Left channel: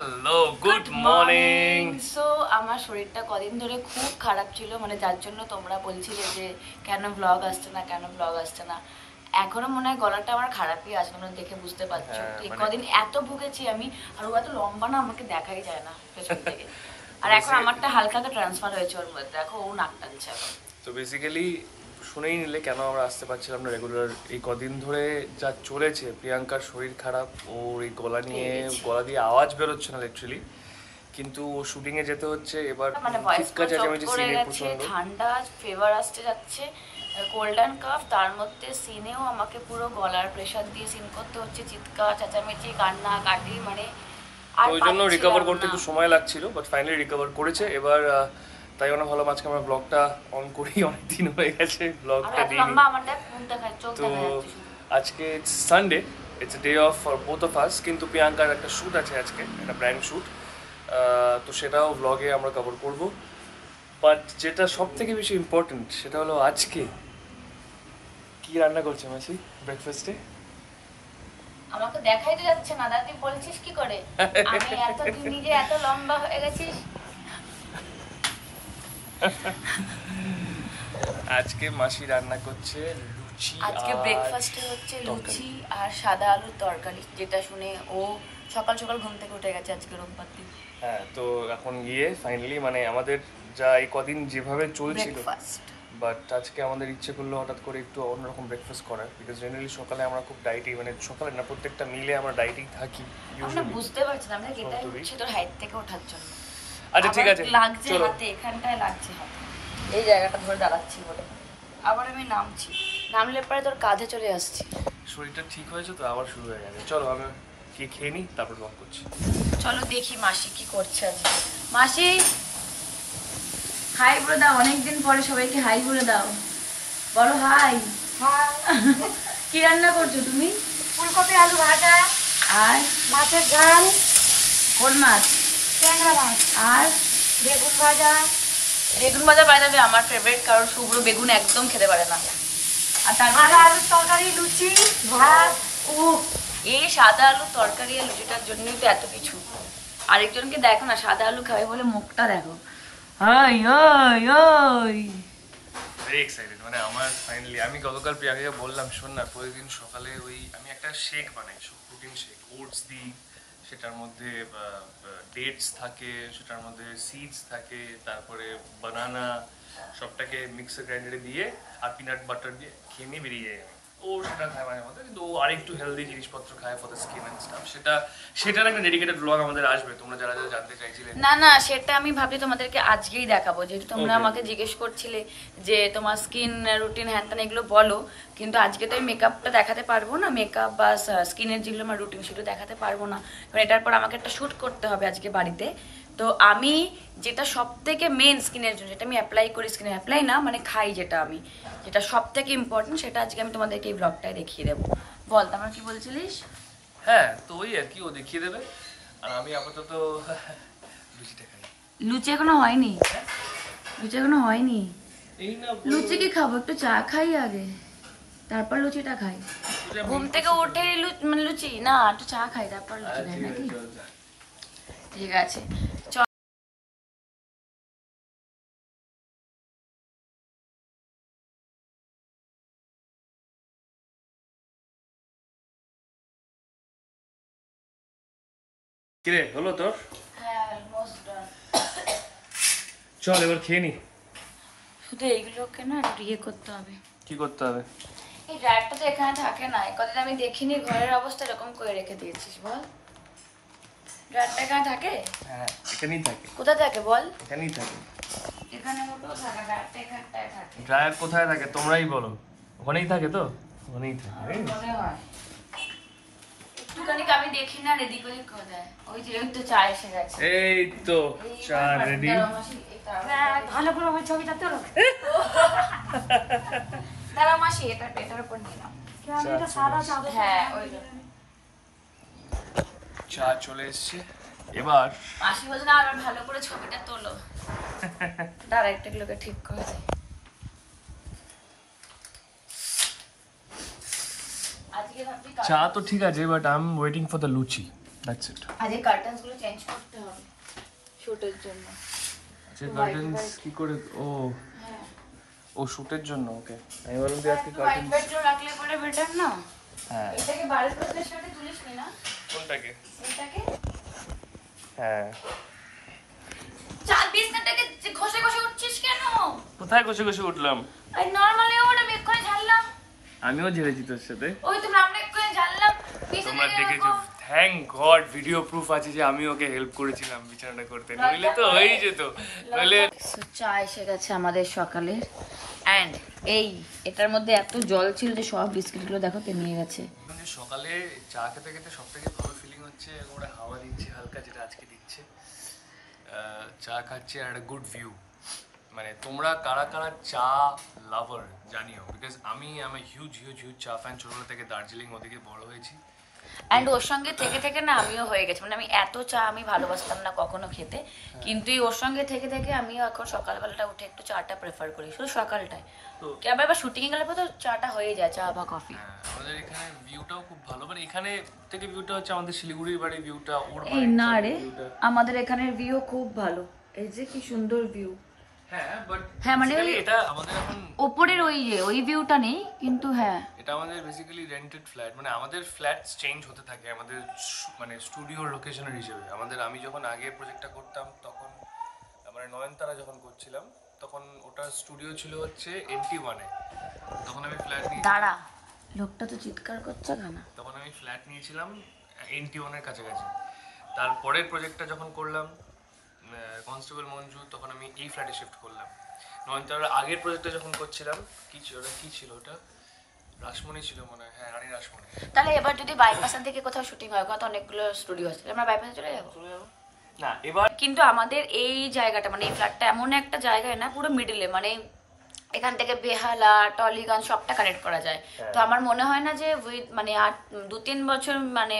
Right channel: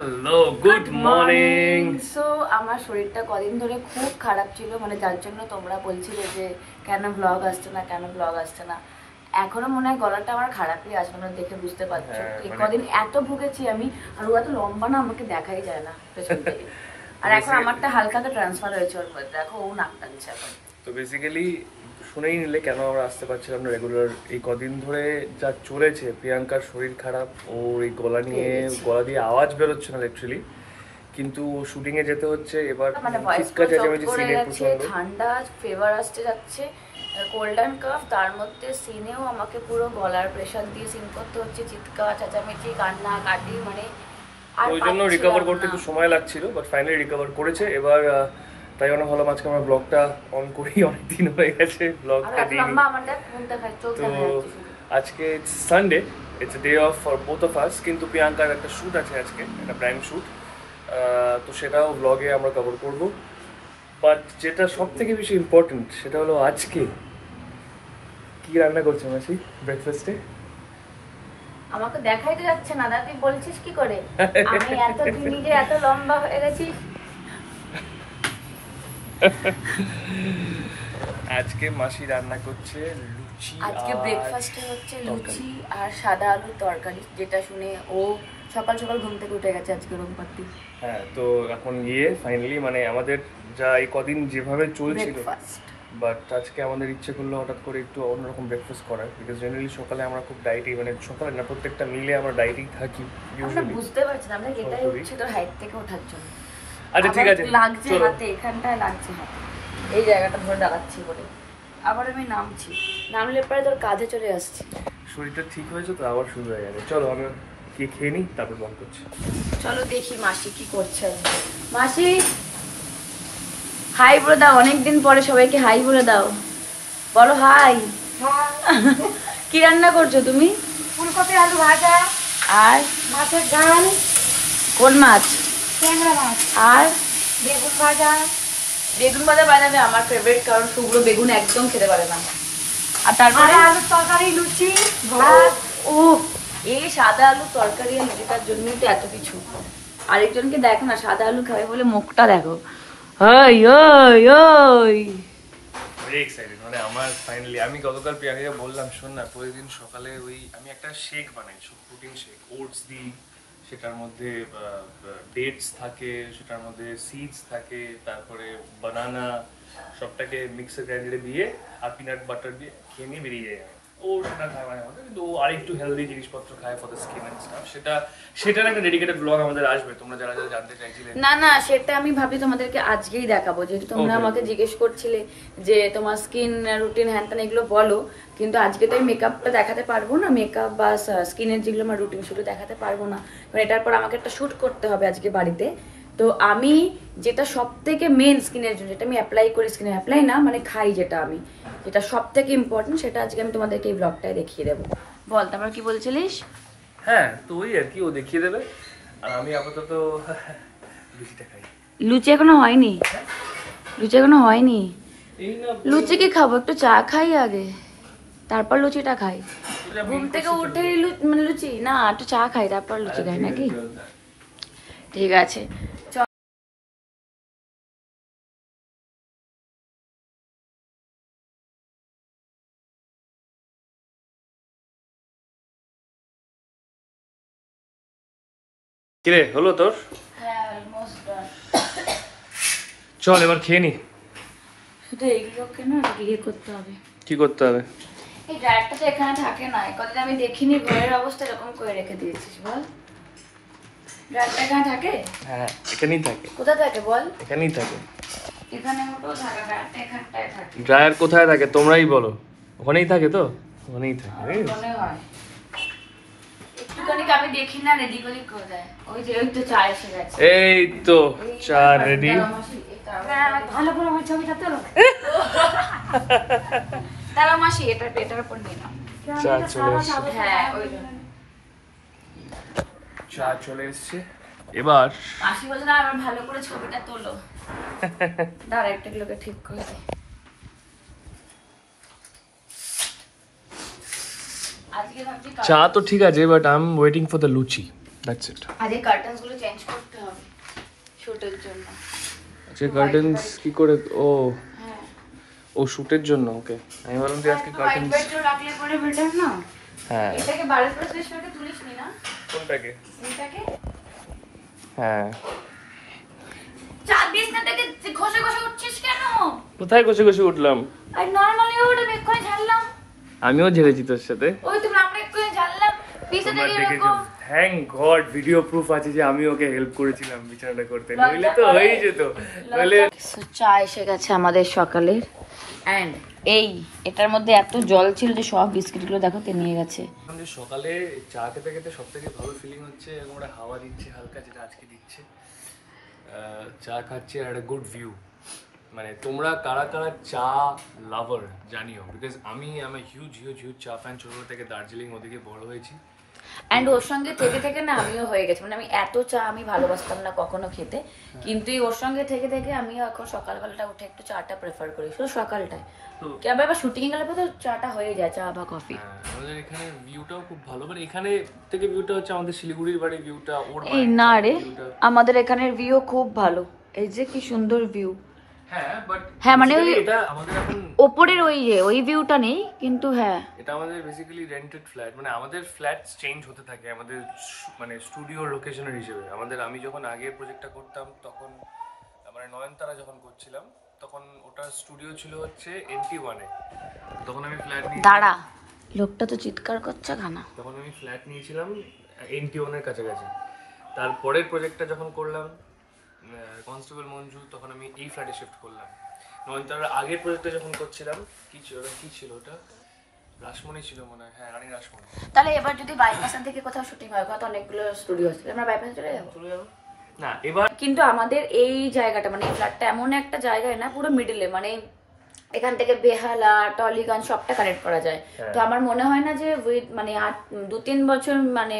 Hello, good morning. So আমার শরীরটা কদিন ধরে খুব খারাপ ছিল, মানে যার জন্য তোমরা বলছিলে যে কেন ব্লগ আসছে না, কেন ব্লগ আসছে না। এখনো মনে হয় গলাটা আমার খারাপই আছে, তোমরা দেখে বুঝতে পারছো। এই কদিন এত ভুগেছি আমি, আর ও এত লম্বা না, আমাকে দেখাই যায় না পেছন থেকে। আর এখন আমারটা হালকা তো ট্রান্সফার হয়েছে ওর মধ্যে, দেখো ও নাক টানছে এখন। তো বেসিক্যালি শুনেই নিলে কেন আমরা আসতে পারছিলাম না রেগুলার। এই কদিন ধরে যা চলেছে, প্রিয়াঙ্কার শরীর খারাপ, ওর এই গলা দিয়ে আওয়াজ বেরোচ্ছে না লিটারালি, কিন্তু শুটিং এ যেতে হচ্ছে। এবার ঠান্ডা ফেভার আসতে যাচ্ছে, কোল্ড অ্যান্ড কাফ, তার মধ্যে সিনেও আমাকে পুরো গলার প্রেশার দিয়ে সিন করতে হচ্ছে, চিৎকার চেঁচামেচি কান্না কাটি, মানে ওই জন্য রিকভার করতে একটু সময় লাগছিল, বাট ফাইনালি রিকভার করেছে। এবার তাই জন্য ভালো আজকে আমরা ব্লগটা অন করি, অনেকদিন হয়ে গেছে ব্লগটা দিই। তো আজকে Sunday, it's day of for both of us, কিন্তু প্রিয়াঙ্কার একটা শ্যুট আছে আজকে, একটা ব্র্যান্ড শ্যুট, তো সেটাও ব্লগে আমরা কভার করবো। বাট যেটা সব থেকে বেশি ইম্পর্টেন্ট সেটা হলো আজকে কি রান্না করছে মাসি ব্রেকফাস্টে। আমাকে দেখাই তো যাচ্ছে না দাদা, তুই বলছিস কি করে আমি এত দিন যে এত লম্বা হয়ে গেছি। আজকে মাসি রান্না করছে লুচি। আজকে ব্রেকফাস্টে হচ্ছে লুচি আর সাদা আলুর তরকারি, যেটা শুনে ও সকাল সকাল ঘুম থেকে উঠে গেছে আজকে রোববারটি। হ্যাঁ, তো এখন গিয়ে ফাইনালি মানে আমাদের যা এই কদিন যেভাবে চলছিল, বাট আজকে আমাদের ইচ্ছে করলো হঠাৎ করে একটু অন্যরকম ব্রেকফাস্ট করার, বিকজ জেনারেলি সকালে আমরা খুব ডায়েটেই, মানে সকালে না প্রত্যেকটা মিলে আমরা ডায়েটেই থাকি। আমরা বুঝতে পারছি না আমরা যেটাই হচ্ছে তোর হাইট থেকে ওঠার জন্য। আচ্ছা ঠিক আছে, লাগছে হাতে, এখানটায় লাগছে হাতে, এই জায়গাটা ধরে দাঁড়াচ্ছি বলে। আবার আমি নামছি, নামলে পরে তোর কাঁধে চলে আসছি। শরীরটা ঠিক হয়েছে তো আবার শুরু হয়ে যাবে। চলো আমি কি খেয়ে নিই, তারপর বন্ধ করছি। চলো দেখি মাসি কি করছে আজকে। মাসি হাই বলে দাও, অনেকদিন পরে সবাইকে হাই বলে দাও, বলো হাই। কি রান্না করছো তুমি? ফুলকপি আলু ভাজা আর মাছের ঝাল। কোন মাছ? ট্যাংরা মাছ। আর বেগুন ভাজা। বেগুন ভাজা বানাবে আমার ফেভারিট, কারণ শুকনো বেগুন একদম খেতে পারে না। আর তারপরে আলুর তরকারি, লুচি, ভাত। ও এই সাদা আলুর তরকারি আর লুচিটার জন্যই তো এত কিছু। আরেকজনকে দেখো না, সাদা আলু খাবে বলে মুখটা দেখো। ওই ওই ওই ভেরি এক্সাইটেড, মানে আমার ফাইনালি আমি গতকাল প্রিয়াঙ্কাকে বললাম, শোন না প্রতিদিন সকালে ওই আমি একটা শেক বানাই, প্রোটিন শেক, ওটস দিই, সেটার মধ্যে ডেটস থাকে, সেটার মধ্যে সিডস থাকে, তারপরে বানানা, সবটাকে মিক্সার গ্রাইন্ডারে দিয়ে আর পিনাট বাটার দিয়ে খেয়ে নিয়ে বেরিয়ে যায়। ও সেটা খায় মাঝে মধ্যে, কিন্তু ও আরেকটু হেলদি জিনিসপত্র খায় for the skin and staff. সেটার একটা ডেডিকেটেড ব্লগ আমাদের আসবে, তোমরা যারা যারা জানতে চাইছিলে। না না, সেটা আমি ভাবছি তোমাদেরকে আজকেই দেখাবো, যেহেতু তোমরা আমাকে জিজ্ঞেস করছিলে যে তোমার স্কিন রুটিন হ্যান ত্যান এগুলো বলো, কিন্তু আজকে তো আমি মেকআপটা দেখাতে পারবো না, মেকআপ বা স্কিনের যেগুলো আমার রুটিন সেগুলো দেখাতে পারবো না, কারণ এটার পর আমাকে একটা শ্যুট করতে হবে আজকে বাড়িতে। তো আমি যেটা সব থেকে মেন স্কিনের জন্য, যেটা আমি অ্যাপ্লাই করি, স্কিনে অ্যাপ্লাই না মানে খাই, যেটা সব থেকে ইম্পর্টেন্ট, সেটা আজকে আমি তোমাদেরকে এই ব্লগটায় দেখিয়ে দেবো। বল তারপর কি বলছিলিস? হ্যাঁ, তো ওই আর কি, ও দেখিয়ে দেবে, আর আমি আপাতত লুচিটা খাই। লুচি এখনো হয়নি, লুচি এখনো হয়নি। লুচি কি খাবো, একটু চা খাই আগে, তারপর লুচিটা খাই। ঘুম থেকে উঠেই মানে লুচি না, একটু চা খাই তারপর লুচি খাই নাকি? ঠিক আছে চল। কিরে হলো তোর? চল এবার খেয়ে নি। শুধু এইগুলোকে না ইয়ে করতে হবে। কি করতে হবে? এই ড্রায়ারটা তো এখানে থাকে না, কদিন আমি দেখিনি ঘরের অবস্থা এরকম করে রেখে দিয়েছিস, বল ড্রায়ারটা এখানে থাকে? হ্যাঁ এখানেই থাকে। কোথায় থাকে বল? এখানেই থাকে। এখানে মোটেও থাকে, ড্রায়ারটা এখানটায় থাকে। ড্রায়ার কোথায় থাকে তোমরাই বলো। ওখানেই থাকে তো? ওখানেই থাকে। মনে হয় একটুখানি আমি দেখি না রেডি করি কোথায়। ওই যে ওই তো চা এসে গেছে। এই তো চা রেডি। ভালো করে আমার ছবিটা তোলো। দাঁড়াও মাসি, এটার উপর নিয়ে নাও। চা চলে এসছে। হ্যাঁ ওই চা চলে এসছে। এবার মাসি বলছে না আবার ভালো করে ছবিটা তোলো। দাঁড়া একটা লোকে ঠিক করে। আজকে ভাবছি চা তো ঠিক আছে, but I am waiting for the luchi, that's it. আজকে কার্টেন্স গুলো চেঞ্জ করতে হবে শুটের জন্য। আচ্ছা কার্টেন্স কি করে? ও শুটের জন্য, ওকে। আমি ভাবলাম যে আজকে হোয়াইট কার্টেন্স। বেডরুম রাখলে পরে বেটার না? হ্যাঁ। এটাকে বারের প্রশ্নের সাথে তুলিস নি না? কোনটাকে? এটাকে হ্যাঁ। চা বিছনাটাকে ঘষে ঘষে উঠছিস কেন? কোথায় ঘষে ঘষে উঠলাম? আই নরমালি ওটা বেক করে ঝাড়লাম। আমিও ঝেড়েছি তোর সাথে। ওই তো আমরা একটু ঝাড়লাম তোমরা বিছনাটাকে দেখেছো, এরকম। থ্যাংক গড ভিডিও প্রুফ আছে যে আমি ওকে হেল্প করেছিলাম বিছানাটা করতে, নইলে তো হয়েই যেত। নইলে চা এসে গেছে আমাদের সকালের, এন্ড এটার মধ্যে এত জল ছিল যে সব বিস্কিটগুলো দেখো তে নিয়ে গেছে। যে সকালে চা খেতে খেতে সব থেকে ভালো ফিলিং হচ্ছে এরকম একটা হাওয়া দিচ্ছে হালকা, যেটা আজকে দিচ্ছে। চা খাচ্ছি আর একটা গুড ভিউ। মানে তোমরা কারা কারা চা লাভার জানিও, বিকজ আমি হিউজ হিউজ হিউজ চা ফ্যান। ছোটবেলা থেকে দার্জিলিং ওদিকে বড় হয়েছি। এন্ড ওর সঙ্গে থেকে থেকে না আমিও হয়ে গেছি, মানে আমি এত চা আমি ভালোবাসতাম না কখনো খেতে, কিন্তু এই ওর সঙ্গে থেকে থেকে আমিও এখন সকালবেলাটা উঠে একটু চাটা প্রেফার করি, শুধু সকালটায়। আবার শুটিং গেলে তো চাটা হয়ে যায়, চা বা কফি। আমাদের এখানে ভিউটাও খুব ভালো, মানে এখানে থেকে ভিউটা হচ্ছে আমাদের শিলিগুড়ির বাড়ির ভিউটা, ওর এই না রে, আমাদের এখানের ভিউ খুব ভালো, এই যে কি সুন্দর ভিউ। হ্যাঁ, বাট হ্যাঁ মানে ওই এটা আমাদের এখন ওপরের ওই ভিউটা নেই, কিন্তু হ্যাঁ এটা আমাদের বেসিক্যালি রেন্টেড ফ্ল্যাট। মানে আমাদের ফ্ল্যাটস চেঞ্জ হতে থাকে আমাদের মানে স্টুডিও লোকেশনের হিসেবে। আমি যখন আগে প্রজেক্টটা করতাম তখন, মানে নয়নতারা যখন করছিলাম তখন ওটা স্টুডিও ছিল হচ্ছে MT1-এ। তখন আমি ফ্ল্যাট নিয়ে দাঁড়া, লোকটা তো চিৎকার করছে খানা। তখন আমি ফ্ল্যাট নিয়েছিলাম NT1-এর কাছাকাছি। তারপরের প্রজেক্টটা যখন করলাম কনস্টেবল মঞ্জু, তখন আমি এই ফ্ল্যাটে শিফট করলাম। নয়নতারার আগের প্রজেক্টটা যখন করছিলাম কি ছিল ওটা রাসমণি ছিল মনে হয়, হ্যাঁ রানী রাসমণি। তাহলে এবার যদি বাইপাসের দিকে কোথাও শুটিং হয়, কত অনেকগুলো স্টুডিও আছে, আমরা বাইপাসে চলে যাবো। না এবার কিন্তু আমাদের এই জায়গাটা মানে এই ফ্ল্যাটটা এমন একটা জায়গায় না, পুরো মিডিলে, মানে এখান থেকে বেহালা টলিগঞ্জ সবটা কানেক্ট করা যায়। তো আমার মনে হয় না যে মানে আর 2-3 বছর, মানে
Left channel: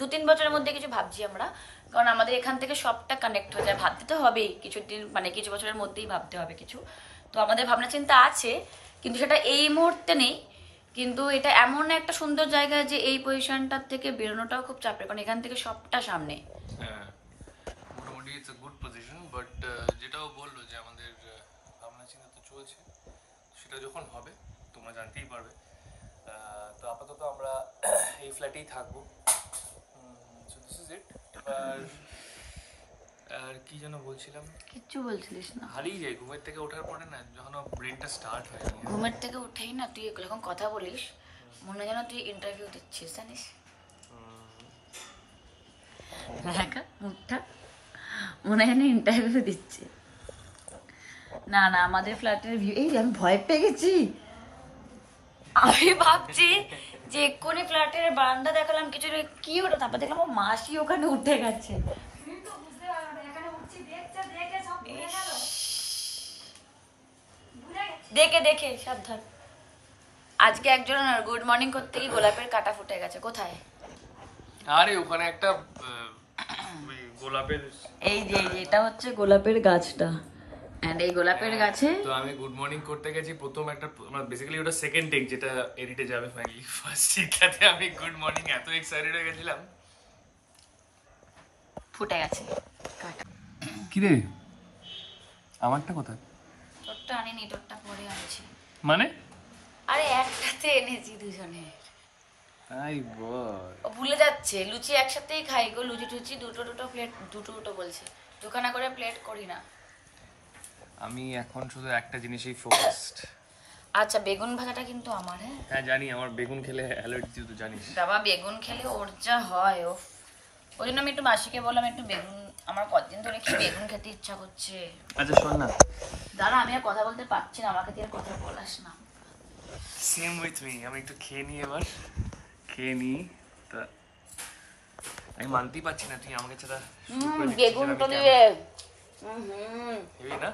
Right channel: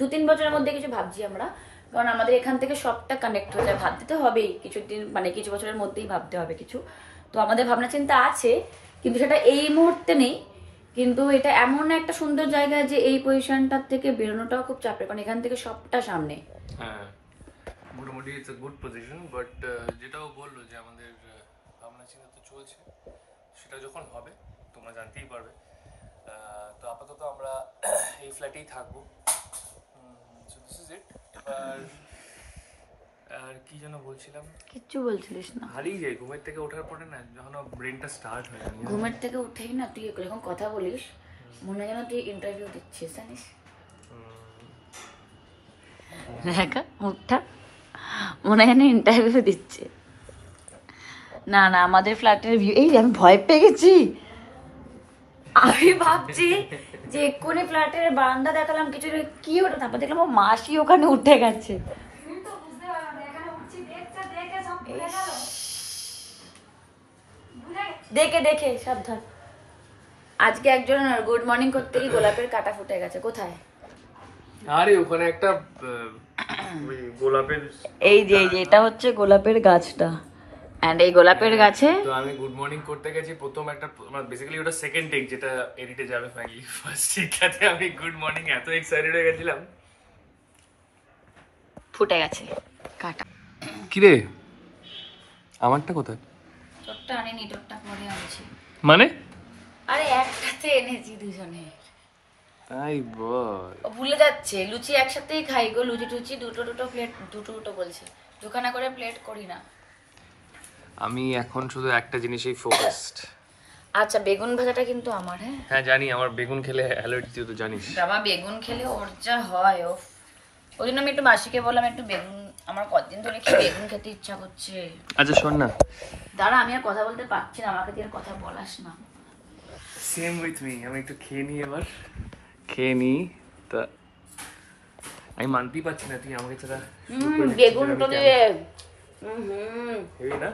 2-3 বছরের মধ্যে কিছু ভাবছি আমরা, কারণ আমাদের এখান থেকে সবটা কানেক্ট হয়ে যায়। ভাবতে তো হবেই কিছুদিন, মানে কিছু বছরের মধ্যেই ভাবতে হবে কিছু। তো আমাদের ভাবনা চিন্তা আছে, কিন্তু সেটা এই মুহূর্তে নেই। কিন্তু এটা এমন একটা সুন্দর জায়গা যে এই পজিশনটার থেকে বেরোনোটাও খুব চাপের, কারণ এখান থেকে সবটা সামনে। হ্যাঁ মোটামুটি it's a good position, but যেটাও বললো যে আমাদের আমরা চিন্তা তো চলছে, সেটা যখন হবে তোমরা জানতেই পারবে। তো আপাতত আমরা এই ফ্ল্যাটেই থাকবো। So this is it. আর কি যেন বলছিলাম, কিচ্ছু বলছিলিস না। হারিয়ে যাই ঘুমের থেকে ওঠার পরে না, যখন ব্রেনটা স্টার্ট হয় না। ঘুমের থেকে উঠেই না তুই যখন কথা বলিস মনে হয় যেন তুই ইন্টারভিউ দিচ্ছিস, জানিস? দেখা মুখটা মনে হয় যেন ইন্টারভিউ দিচ্ছে। না না, আমাদের ফ্ল্যাটের ভিউ, এই আমি ভয় পেয়ে গেছি। আমি ভাবছি যে এক্ষুনি ফ্ল্যাটের বারান্দা দেখালাম কিছু কি ওটা, তারপর দেখলাম ও মাসি ওখানে উঠে গেছে। দেখে দেখে সাবধান। আজকে একজন গুড মর্নিং করতে গিয়ে গোলাপের কাঁটা ফুটে গেছে। কোথায়? আরে ওখানে একটা গোলাপের, এই যে এটা হচ্ছে গোলাপের গাছটা, এন্ড এই গোলাপের গাছে তো আমি গুড মর্নিং করতে গেছি প্রথম একটা, বেসিক্যালি ওটা সেকেন্ড টেক যেটা এডিটে যাবে ফাইনালি। ফার্স্ট টেকটাতে আমি গুড মর্নিং এত এক্সাইটেড হয়ে গেছিলাম, ফুটে গেছে কাঁটা। কি রে আমারটা কোথায়? তোরটা আনিনি, তোরটা পরে আনছি। মানে আরে একসাথে এনেছি দুজনে। তাই বল। ও ভুলে যাচ্ছে, লুচি একসাথেই খাই গো, লুচি টুচি দুটো প্লেট, দুটো বলছি, দুখানা করে প্লেট করি না। আমি এখন শুধু একটা জিনিসেই ফোকাসড। আচ্ছা বেগুন ভাজাটা কিন্তু আমার। হ্যাঁ হ্যাঁ জানি, আমার বেগুন খেলে অ্যালার্জি, তুই তো জানিস। বাবা বেগুন খেলে ওর যা হয়, ও ওই জন্য আমি একটু মাসিকে বললাম একটু বেগুন, আমার কতদিন ধরে কি বেগুন খেতে ইচ্ছা করছে। আচ্ছা শোন না, দাঁড়া আমি আর কথা বলতে পারছি না, আমাকে দিয়ে কথা বলাস না। Same with me. আমি একটু খেয়ে নিই, এবার খেয়ে নিই। তা আমি মানতেই পারছি না তুই আমাকে ছাড়া বেগুনটা দিয়ে হই না।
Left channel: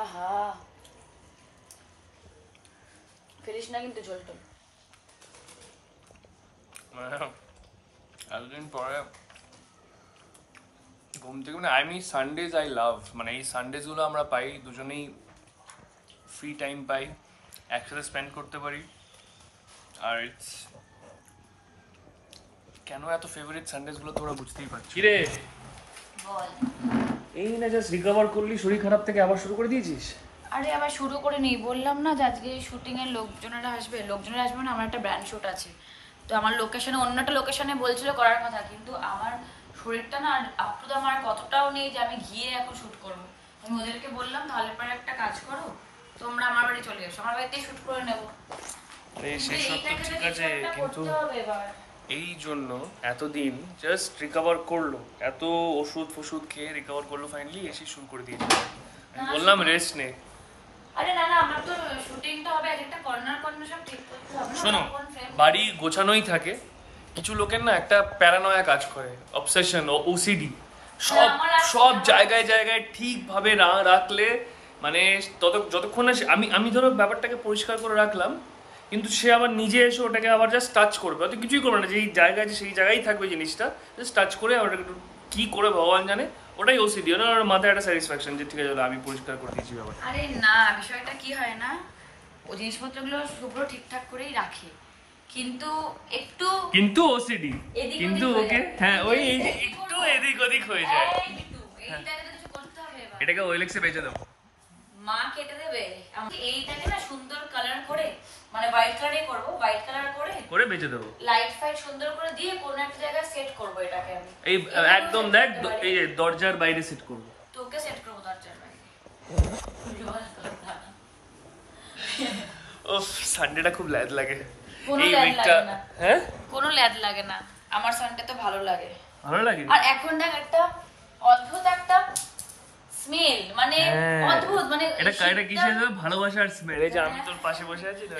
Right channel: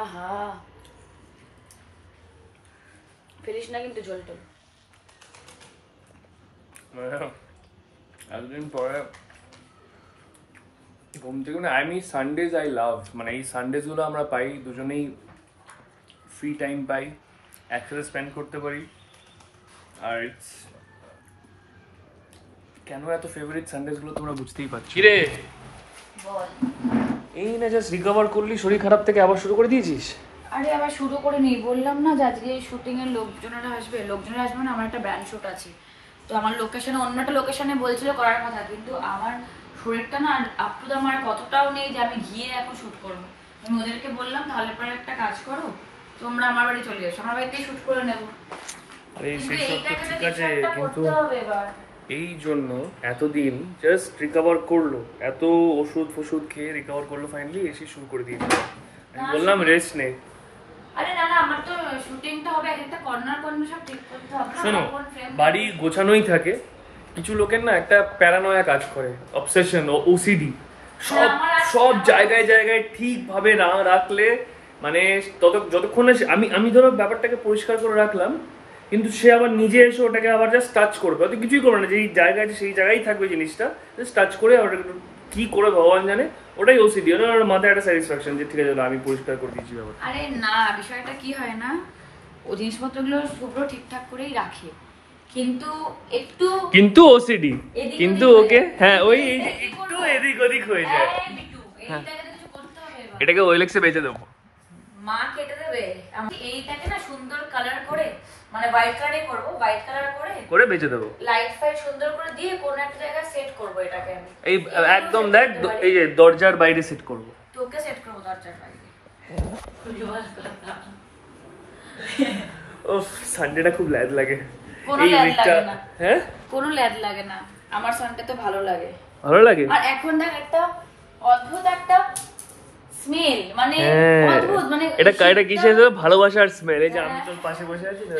আহা ফেলিস না কিন্তু ঝোলটো। এতদিন পরে ঘুম থেকে, মানে আমি সানডেজ আই লাভ, মানে এই সানডেজ গুলো আমরা পাই, দুজনেই ফ্রি টাইম পাই, একসাথে স্পেন্ড করতে পারি। আর কেন এত ফেভারিট সানডেজ গুলো তোমরা বুঝতেই পারছো। কিরে বল, এই না জাস্ট রিকভার করলি শরীর খারাপ থেকে আবার শুরু করে দিয়েছিস? আরে আবার শুরু করে নেই, বললাম না যে আজকে শুটিং এর লোকজনেরা আসবে না, আমার একটা ব্র্যান্ড শুট আছে। তো আমার লোকেশনে, অন্য একটা লোকেশনে বলছিল করার কথা, কিন্তু আমার শরীরটা না আপ টু দা মার কতটাও নেই যে আমি গিয়ে এখন শুট করবো। আমি ওদেরকে বললাম তাহলে পরে একটা কাজ করো, তোমরা আমার বাড়ি চলে এসো, আমার বাড়িতেই শুট করে নেবো। এই সেসব তো ঠিক আছে, কিন্তু এই জন্য এতদিন জাস্ট রিকভার করলো, এত ওষুধ ফষুধ খেয়ে রিকভার করলো, ফাইনালি এসে শুরু করে দিয়েছে। আমি বললাম রেস্ট নে। আরে না না, আমার তো শুটিংটা হবে, একটা কর্নার সব ঠিক করতে হবে। শোনো, বাড়ি গোছানোই থাকে, কিছু লোকের না একটা প্যারানয়া কাজ করে, অবসেশন ও ওসিডি, সব সব জায়গায় জায়গায় ঠিকভাবে না রাখলে মানে যতক্ষণ না আমি ধরো ব্যাপারটাকে পরিষ্কার করে রাখলাম, কিন্তু সে আবার নিজে এসে ওটাকে আবার জাস্ট টাচ করবে, অত কিছুই করবে না, যেই জায়গা আছে সেই জায়গায় থাকবে জিনিসটা, জাস্ট টাচ করে আবার কি করে ভগবান জানে, ওটাই ওসিডি। ওর মাথায় একটা স্যাটিসফ্যাকশন যে ঠিক আছে আমি পরিষ্কার করে দিয়েছি ব্যাপার। আরে না, বিষয়টা কি হয় না, ও জিনিসপত্রগুলো শুভ্র ঠিকঠাক করেই রাখে, কিন্তু ওসিডি, কিন্তু ওকে হ্যাঁ ওই একটু এদিক ওদিক হয়ে যায়। এটাকে ওএলএক্সে বেচে দেবো, মা কেটে দেবে। এইটাকে না সুন্দর কালার করে, মানে হোয়াইট কালারই করব, হোয়াইট কালার করে বেচে দেবো, লাইট ফাইট সুন্দর করে দিয়ে কোন একটা জায়গায় সেট করব এটাকে আমি। এই একদম দেখ, এই যে দরজার বাইরে সেট করব, তোকে সেট করব দরজার বাইরে। ওফ, সানডেটা খুব ল্যাদ লাগে কোনো এই ল্যাদ উইকটা। লাগে না। হ্যাঁ, কোনো ল্যাদ লাগে না, আমার সানডে তো ভালো লাগে। ভালো লাগে। আর এখন দেখ একটা অদ্ভুত একটা স্মেল, মানে অদ্ভুত, মানে এটা কিসের ভালোবাসার স্মেল, এই যে আমি তোর পাশে বসে আছি না,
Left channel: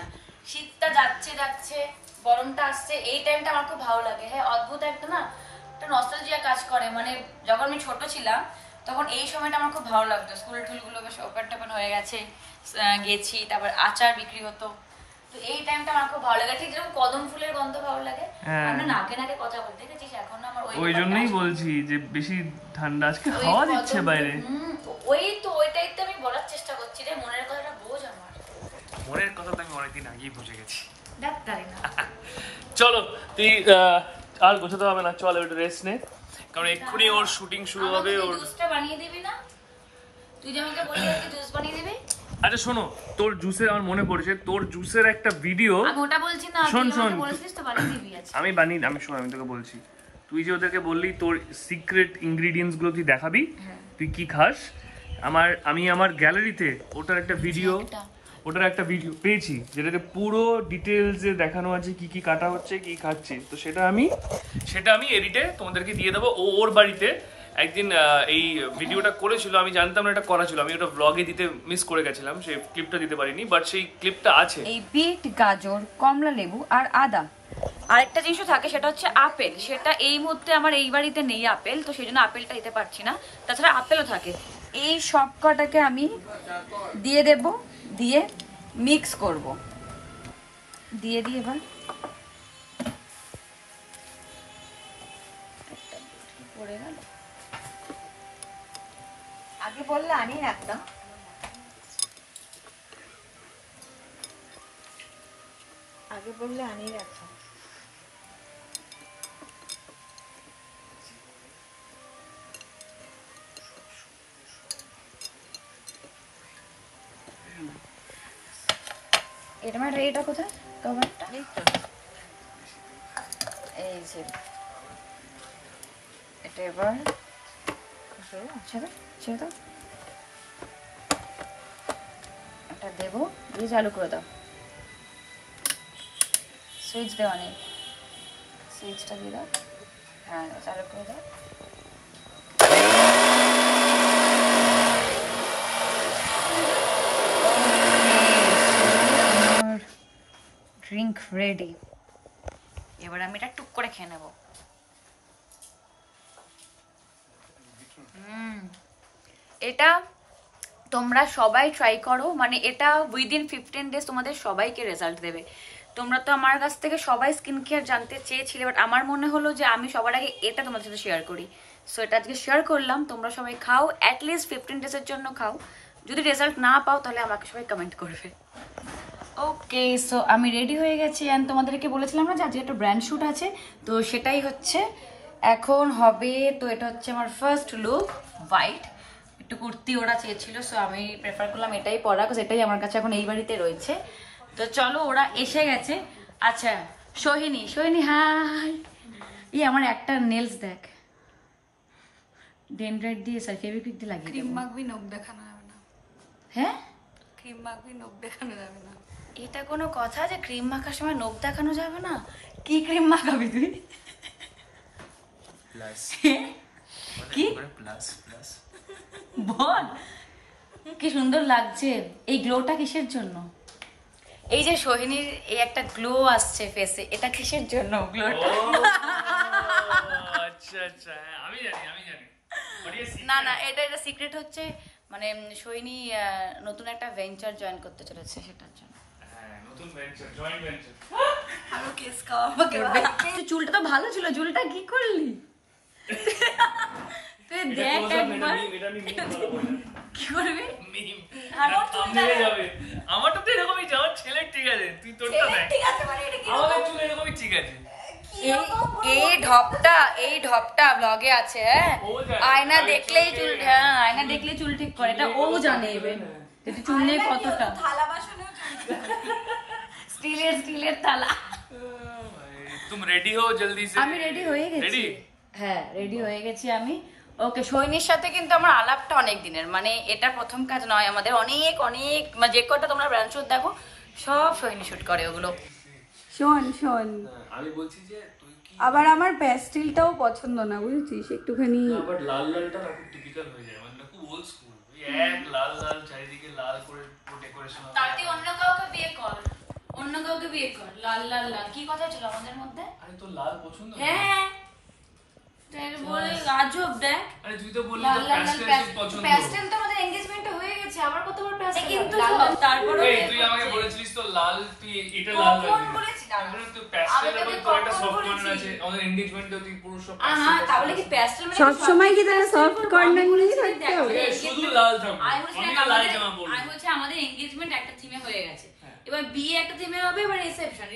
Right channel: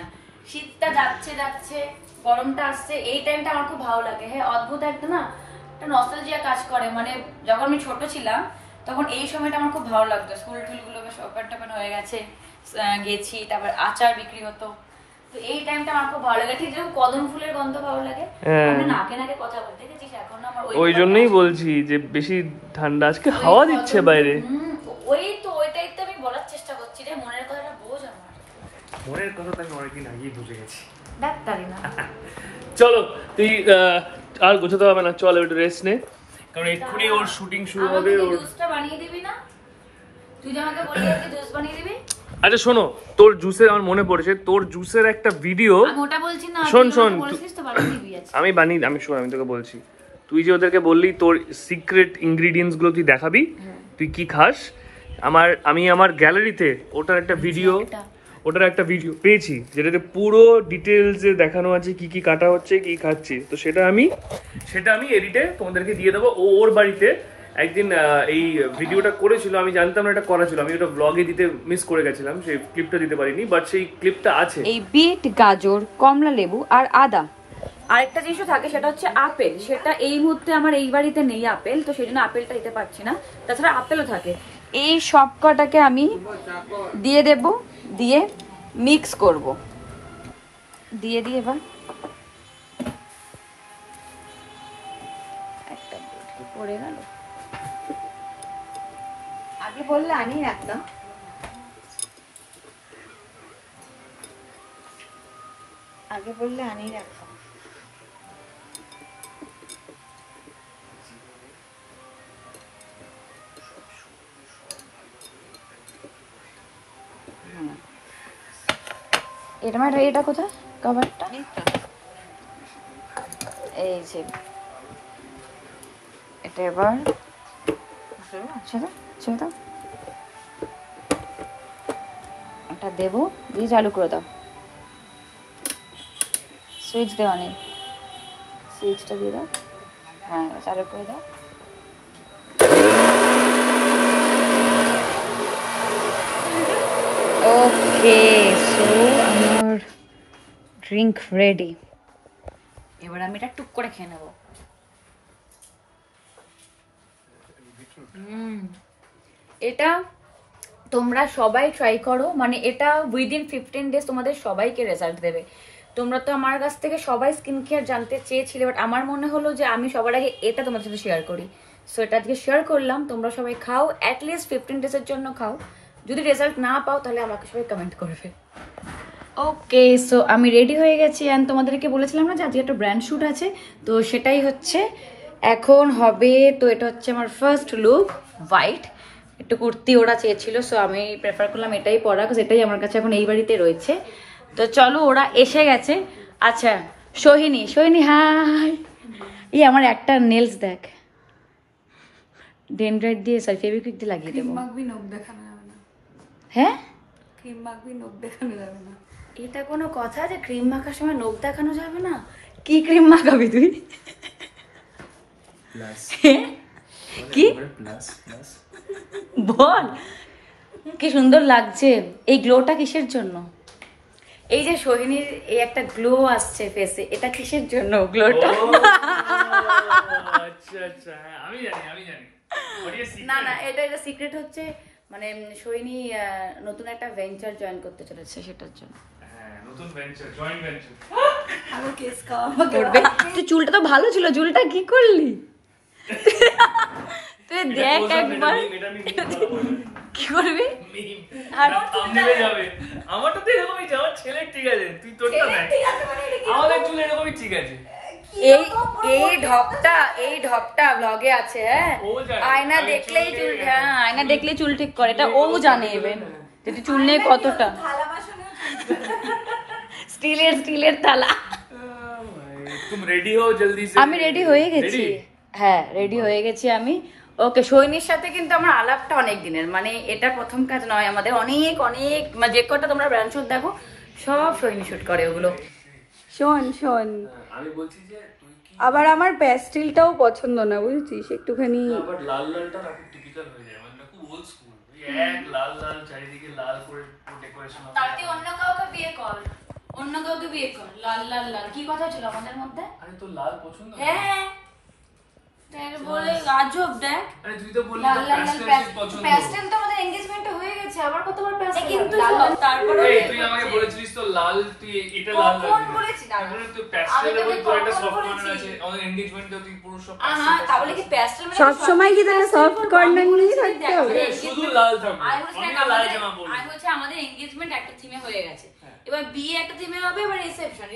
না শীতটা যাচ্ছে গরমটা আসছে, এই টাইমটা আমার খুব ভালো লাগে। হ্যাঁ, অদ্ভুত একটা না, একটা নস্টালজিয়া কাজ করে, মানে যখন আমি ছোট ছিলাম তখন এই সময়টা আমার খুব ভালো লাগতো, স্কুল টুলগুলো বেশ ওপেন টোপেন হয়ে গেছে, গেছি, তারপর আচার বিক্রি হতো, তো এই টাইমটা আমার খুব ভালো লাগে। ঠিক যেরকম কদম ফুলের গন্ধ ভালো লাগে, আমরা নাকে নাকে কথা বলতে গেছিস, এখন আমার ওই জন্যই বলছি যে বেশি ঠান্ডা, আজকে হাওয়া দিচ্ছে বাইরে। ওইটাই তো আমি বলার চেষ্টা করছি রে, মনের কথাটা বোঝ আমার। মনের কথা তো আমি অনেকদিন আগেই বুঝে গেছি। ডাক্তারি না। চলো তুই আর গোছাতে হবে না, চল একটু রেস্ট নে, কারণ এক্ষুনি ওর শুটিং শুরু হবে। ওর জুসটা বানিয়ে দিবি না? তুই যে আমাকে বললি আজকে জুস বানিয়ে দিবি। আচ্ছা শোনো, তোর জুসের আমার মনে পড়েছে, তোর জুসের একটা ভিডিও। আমি ওটা বলছি না, শোন বলেছিস তো বানিয়ে দিবি আজকে। আমি তোকে বলছি, তুই যে ওদেরকে বললি তোর সিক্রেট ইনগ্রেডিয়েন্টস গুলো তুই দেখাবি, তুই কি খাস, আমি আমার গ্যালারিতে ওটার একটা ভিডিও পেয়েছি, যেটাতে পুরো ডিটেলসে দেখানো আছে কি কি কাটা হচ্ছে, কি খাচ্ছি। তো সেটা আমি এডিটে তোমাদেরকে দিয়ে দেবো। ওর বাড়িতে একদিন এই ভিডিওটা করেছিল, আমি জানতাম না এটা করা ছিল, আমি ওটা ব্লগে দিতে মিস করে গেছিলাম, সেই ক্লিপটা দিতে পারিনি, বাট সেই ক্লিপটা আছে। এই বিট, গাজর, কমলা লেবু আর আদা, আরেকটা জিনিসও থাকে, সেটা হচ্ছে আপেল। সেটা এই মুহূর্তে আমার এই বাড়িতে নেই আপেল, তো সেই জন্য আপেলটা দিতে পারছি না। তাছাড়া আপেলও থাকে। এই সব কটাকে আমি দিয়ে দেব, দিয়ে মিক্স করব, দিয়ে এবার পড়ে গেল। আগে বললে আমি রাখতাম, এটা মানে এটা কোথায় কভারটা, এই যে এটা এবার ছেড়ে এটা দেবো, দিয়ে চালু করে দাও। সুইচ দেওয়া নেই, সুইচটা দিয়ে দাও, হ্যাঁ চালু করে দাও। ওকে, আমার ড্রিঙ্ক রেডি। এবার আমি এটা টুক করে খেয়ে নেব। এটা তোমরা সবাই ট্রাই করো, মানে এটা উইদিন 15 ডেজ তোমাদের সবাইকে রেজাল্ট দেবে। তোমরা তো আমার কাছ থেকে সবাই স্কিন কেয়ার জানতে চেয়েছিলে, বাট আমার মনে হলো যে আমি সবার আগে এটা তোমাদের সাথে শেয়ার করি, সো এটা আজকে শেয়ার করলাম। তোমরা সবাই খাও, অ্যাটলিস্ট 15 ডেজের জন্য খাও। যদি রেজাল্ট না পাও তাহলে আমাকে সবাই কমেন্ট করবে। ওকে, সো আমি রেডি হয়ে গেছি অ্যান্ড তোমাদেরকে বলেছিলাম না যে আজকে একটা ব্র্যান্ড শ্যুট আছে, তো সেটাই হচ্ছে এখন হবে। তো এটা হচ্ছে আমার ফার্স্ট লুক, হোয়াইট একটু কুর্তি ওরা চেয়েছিল, সো আমি প্রেফার করলাম এটাই পরা, এটাই আমার কাছে এখন এই বাড়িতে রয়েছে। তো চলো ওরা এসে গেছে। আচ্ছা সোহিনী, সোহিনী হাই। আমার একটা নেলস দেখ, ডেনড্রাইট দিয়ে সরি ফেভিকুইক দিয়ে লাগিয়ে দেবো। মাখবি নখ দেখানো যাবে না। হ্যাঁ ক্রিম মাখবি নখ দেখানো যাবে না। এটা কোনো কথা যে ক্রিম মাখার সময় নখ দেখানো যাবে না? কি ক্রিম মাখাবি তুই? কি বল, কি সুন্দর লাগছে। এই গ্লোটা কিসের জন্য? এই যে সোহিনীর এই একটা গ্লো আসছে ফেসে, এটা কিসের জন্য গ্লোটা? আচ্ছা আচ্ছা, হ্যাঁ আমি জানি। না না, এটা সিক্রেট হচ্ছে, মানে সোহিনী নতুন একটা ভেঞ্চার জয়েন করতে চলেছে, সেটার জন্য। হ্যাঁ, নতুন ভেঞ্চার, জয়েন্ট ভেঞ্চার। আমি কেস খাওয়া আমাকে তুই চুলটা তো ভালো ছিল, চুলটা কি করলি তুই? দেখ একবার কি করবি। আমারটা তো এরকমই, আমার ছেলের ঠিক আছে, তুই তোরটা দেখ। আমাদের চুল এরকমই ঠিক আছে। এই ঢপটা ব্লগে আছে। হ্যাঁ, আয়না দেখলেই চুল, হ্যাঁ আয়না দেখলেই চুল ঠিক করে, এটা ও জানে ইভেন যে চুল নেই কতটা। স্টিলের থালা। তুমি রেডি হও জলদি সে। আমি রেডি হয়ে গেছি, হ্যাঁ রেডি হয়ে গেছি আমি। ওকে, সোহিনীর সাথে কিন্তু আমার আলাপটা অনেক দিনের, মানে এটা প্রথম কাজ নয় আমাদের, অনেক যে কটা তোমরা ব্র্যান্ড শুট দেখো সব সোহিনী শুট করে ওগুলো। শোন আমি বলছি যে তুই কি আবার আমার প্যাস্টেলটাও পছন্দ না, বুঝছিস? একটুখানি আবার লাল লালটা না খুব টিপিক্যাল হয়ে যায়, মানে খুব ওল্ড স্কুল, ওই এক লাল চারিদিকে লাল করে ডেকোরেশন। তাতে অন্য কাউকে বিয়ে কর, লাল কি কথা ছিল আমাদের মধ্যে? আরে তো লাল পছন্দ? হ্যাঁ তাই বলে আজব দেখ। আরে তুই তো বললি লাল প্যাস্টেল পছন্দ। প্যাস্টেল তো আমাদের এনগেজমেন্ট হয়ে গেছে, আবার কতবার প্যাস্টেল কিন্তু তারপরে তুই আমাকে বলেছিলিস তো লাল, তুই এটা লাল লাগবে। কোন বলেছিস? মানে তুই প্যাস্টেল এর তো একটা সফট কর্নার আছে, আমাদের এনগেজমেন্টে তুই পুরো সব হ্যাঁ, তাহলে কি প্যাস্টেল মানে সব সময় কি তাহলে সফট কর্নার নিয়ে থাকতে হবে? শুধু লাল থাকবে। আমি বলছি আমাদের এনগেজমেন্ট একটা থিমে হয়ে গেছে, এবার বিয়ে একটা থিমে হবে, এবার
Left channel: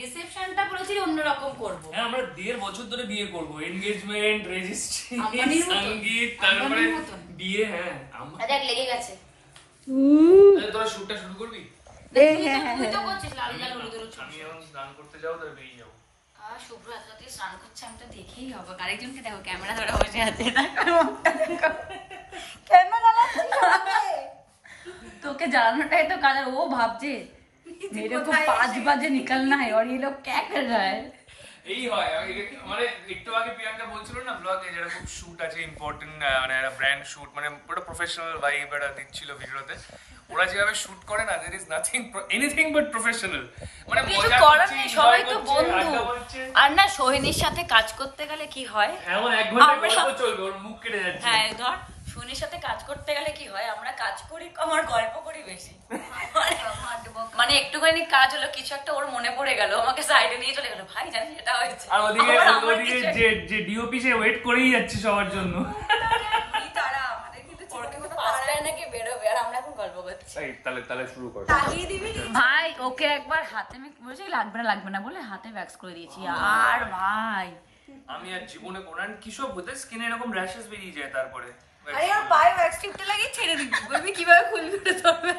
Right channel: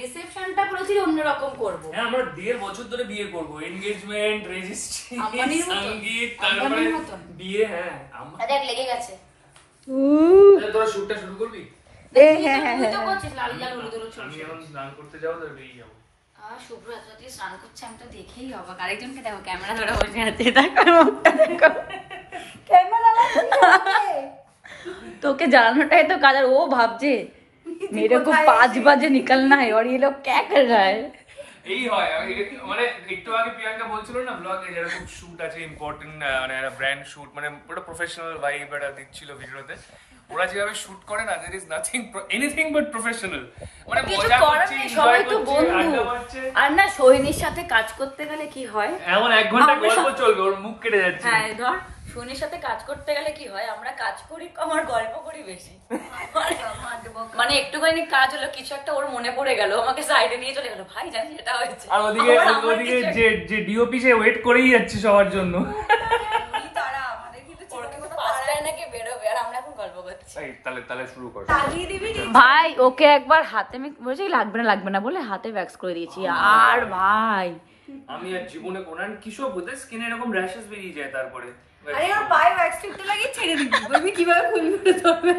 রিসেপশনটা বলেছি অন্যরকম করব। হ্যাঁ, আমরা 1.5 বছর ধরে বিয়ে করব, এনগেজমেন্ট, রেজিস্ট্রি, আম্বানির মতো। সঙ্গীত, তারপরে আম্বানির মতো। বিয়ে। হ্যাঁ দেখ লেগে গেছে। তাহলে তোরা শুটটা শুরু করবি? তুই তো করছিস লাল হলুদ আমি এখন স্নান করতে যাবো, তাহলে বেরিয়ে যাবো। শুভ্র এত রাতে স্নান করছে, আমি তো দেখেই অবাক। আরেকজনকে দেখো ক্যামেরা ধরে বসে আছে, দেখো ক্যামেরা তোকে জ্বালানোটাই তো কাজ, আর ও ভাবছে मेरे को 5 बजे निकलना है और ये लोग क्या कर रहा है। এই হয় মানে একটু আগে প্রিয়াঙ্কা বলছিল না ব্লগে যারা খুব শুট আছে ইম্পর্টেন্ট, মানে একটা ব্র্যান্ড শুট, মানে পুরো প্রফেশনাল ভাইব এটা দিচ্ছিল ভিডিওতে। ওরা যেভাবে শুট করে না, there is nothing anything but professional, মানে মজা করছে, সবাই তো বন্ধু। আর না সোহিনীর সাথে কাজ করতে গেলে কি হয়, এমন 1 ঘন্টা গল্প চলবে, ওর মুখ কেটে যাচ্ছে। হ্যাঁ ধর সোহিনীর সাথে কাজ করতে গেলে কি হয়, আমরা কাজ করি আমার গল্প করি বেশি। মানে একটুখানি কাজ হলো, কিছু একটা ওর মনে পড়ে গেল, আমাকে সাইডে নিয়ে চলে গেল, ভাই জানি এটা হয়েছে। আর ওদিকে যে ডিওপি সে ওয়েট করেই যাচ্ছে সবার জন্য। তাহলে শুরু কর ভাই। ওকে একবার হাতে আমি বলছি লাগবে না বলে হাতে ভ্যাক্স করে দিয়েছি। আর ভাই আমি আর জীবনে কোনান কিসব হতে স্কিনে এরকম র্যাশেস বেরিয়ে যায়, তারপরে আরে ওর পায়ে ওয়্যাক্স টিপটা লাগিয়ে ছেড়ে দিবি, বলবি কিভাবে খুলবে তবে।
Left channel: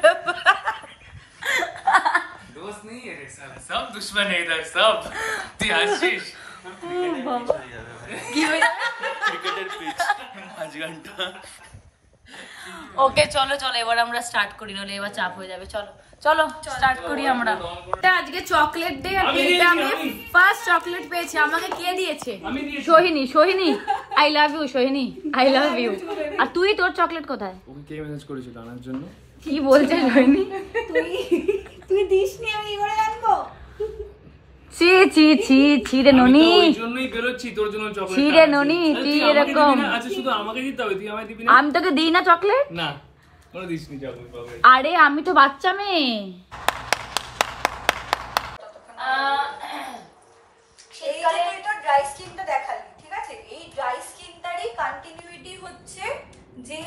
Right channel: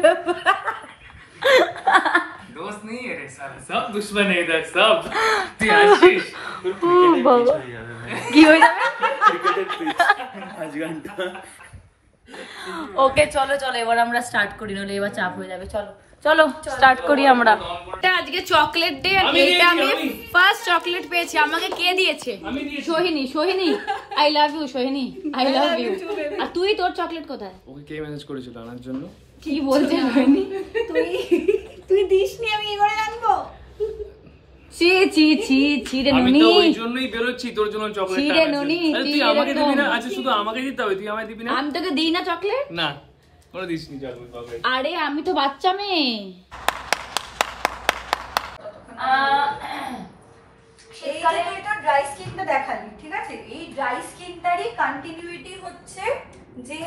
दोस्त नहीं है रे साले, सब दुश्मन है इधर सब। तू आशीष কি হয়ে যাবে? ওকে চলো এবার আমরা স্টার্ট করি, নলে এবার চাপ হয়ে যাবে। চলো স্টার্ট করি আমরা। এটা আজকে চকলেট ডে, আর এটা আমি ফার্স্ট চকলেট পেয়েছি। আমাকে কে দিয়েছে? Sohini. I love you Sohini, I love you. আর তুই, তোর চকলেট কোথায়? ওকে কে মেসেজ করেছিল আনার জন্য? কি বলছে সোহিনী? তুই দিসনি, আমি কি করে জানবো? ছি রে ননি, ওই জন্যই বেরোচ্ছি তোর জন্য চকলেট। ছি রে ননি, তুই এরকম। আচ্ছা শুধু আমাকে দিতে হবে, তুই আমায় দিবি না? আমি তোকে দিই না চকলেট? না ওরা দিসনি চকলেট। আরে আমি তো বাচ্চা মেয়ে। শীতকালে এটা ড্রাই স্কিনটা দেখালি, ঠিক আছে? এই ড্রাই স্কিনটারই কন্টিনিউইটি হচ্ছে যে